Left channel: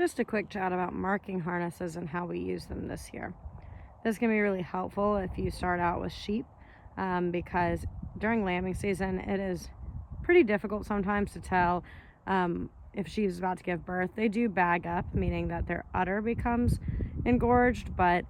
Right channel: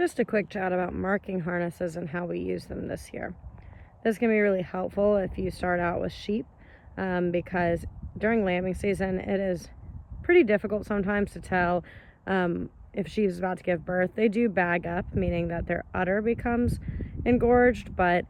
Just a quick chat about marking harnesses and how we use them this year. This can be really helpful if you start out with sheep, because during lambing season it is pretty difficult sometimes to tell if she's about to give birth. They do bag up, meaning that their udder becomes engorged, but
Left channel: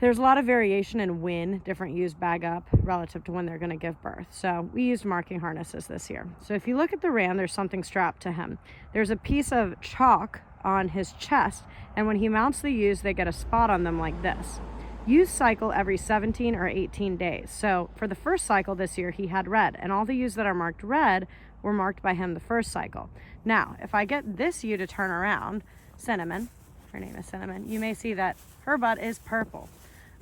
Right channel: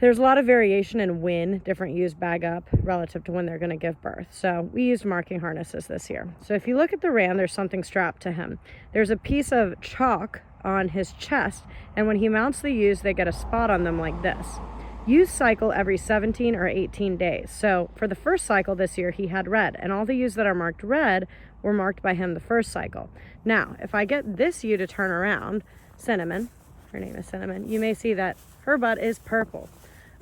there's a lot of variation in when different ewes bag up relative to when they're going to give birth. So we used marking harnesses this year. So if you look at the ram, there's something strapped to him. There's a piece of chalk on his chest, and when he mounts the ewes, they get a spot on them like this. Ewes cycle every 17 or 18 days. So for the first cycle this year, he had red, and all the ewes that are marked red were marked by him the first cycle. Now, if I get this ewe to turn around, Cinnamon, her name is Cinnamon, you may see that her butt is purple.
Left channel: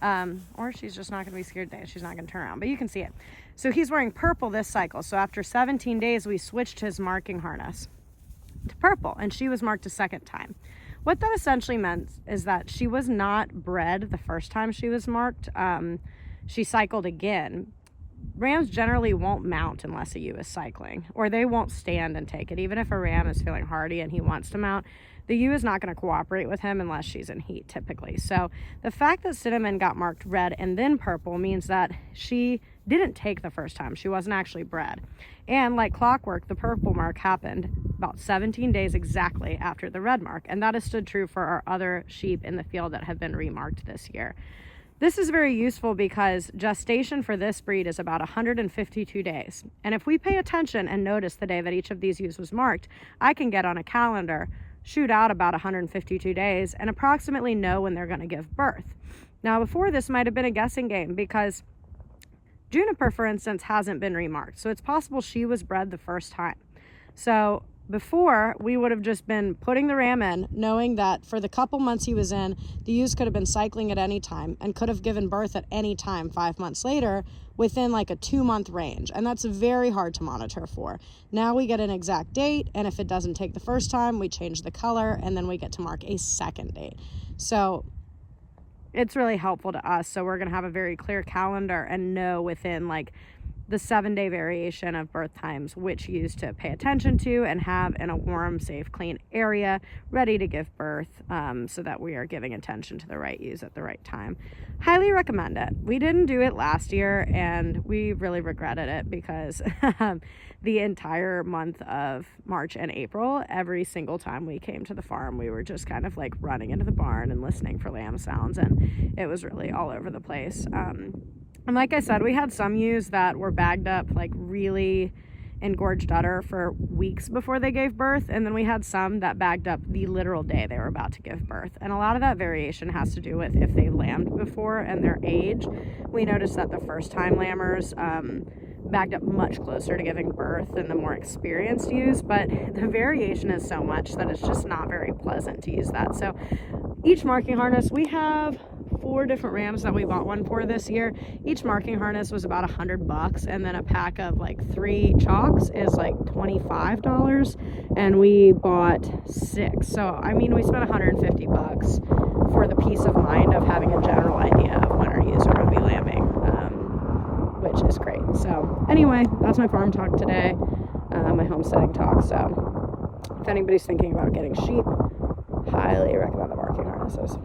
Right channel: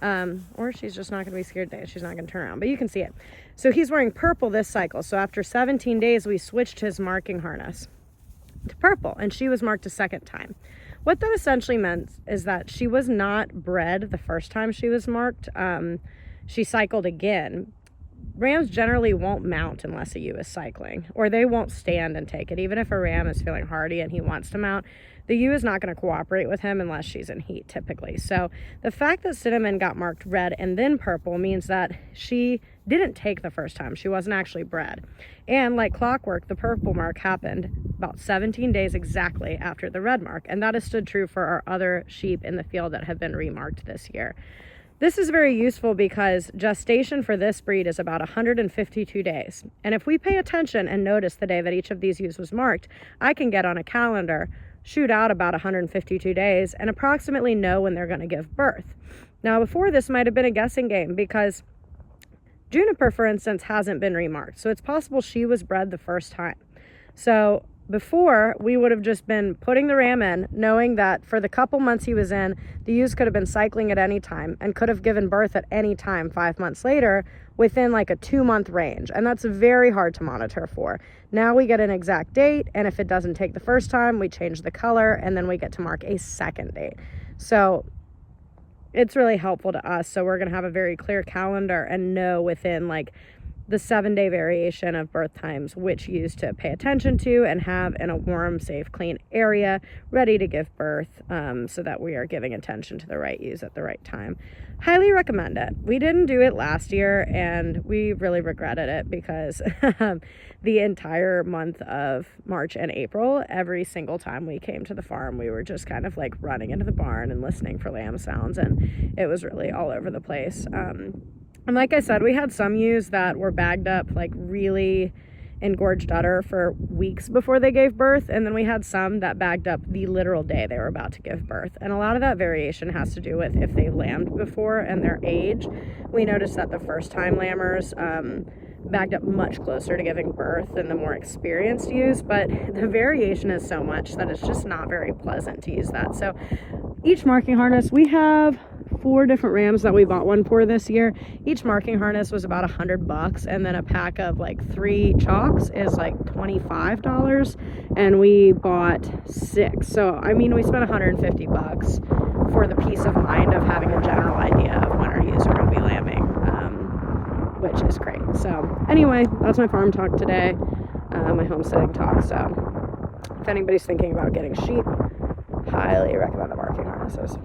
Or she's just not going to be scared today. She's not going to turn around, but you can see it. So he's wearing purple this cycle. So after 17 days, we switched his marking harness to purple, and she was marked a second time. What that essentially meant is that she was not bred the first time she was marked. She cycled again. Rams generally won't mount unless a ewe is cycling, or they won't stand and take it. Even if a ram is feeling hardy and he wants to mount, the ewe is not going to cooperate with him unless she's in heat typically. So the fact that Cinnamon got marked red and then purple means that she didn't take the first time. She wasn't actually bred. And like clockwork, the purple mark happened about 17 days exactly after the red mark. And that has stood true for our other sheep in the field that have been remarked this year. This is very useful because gestation for this breed is about 152 days. And if we pay attention and notice the day that each of these ewes was marked, I can get on a calendar, shoot out about 152 days, and approximately know when they're going to give birth. Now, before this might have been a guessing game because Juniper, for instance, hasn't been remarked. So it's possible she was bred the first time. So before, we would have just been putting the ram in, knowing that for the couple months he was in, the ewes could have been cycling at any time and could have given birth at any time 5 months later within like a 2-month range. And that's very hard to monitor for. Now we get an exact date, and if it doesn't take the first time, we change the color, and then we get to mark a second date. So it's really helpful to us. So we're going to have a very clear calendar and know within like the 7-day variation of birth times which ewes to pay attention to and have in a warm, safe, clean area ready to give birth, so that we are giving attention to the right ewes at the right time. Highly recommend it. We didn't do it last year and we really regretted it because the entire month of March and April, every single time we came to the farm, we were just kind of like running into the barn and listening for lamb sounds, and it was really all over the place. And like I said, we had some ewes that were bagged up like really engorged udder for weeks before they gave birth, and then we had some that bagged up the literal day they were about to give birth. And a lot of that variation has to do with if they lambed before and their age. We noticed that the first time lambers bagged up much closer to giving birth than the more experienced ewes, but the variation is so much that it's just not very pleasant to use that. So each marking harness, we have 4 different rams that we bought one for this year. Each marking harness was about $100, and then a pack of like 3 chalks is like $25, and we bought 6. So I mean, we spent $150 for the peace of mind of having a general idea of when our ewes are going to be lambing, which is great. So anyway, that's my farm talk today, my homesteading talk. So if anybody's thinking about getting sheep, highly recommend the marking harnesses.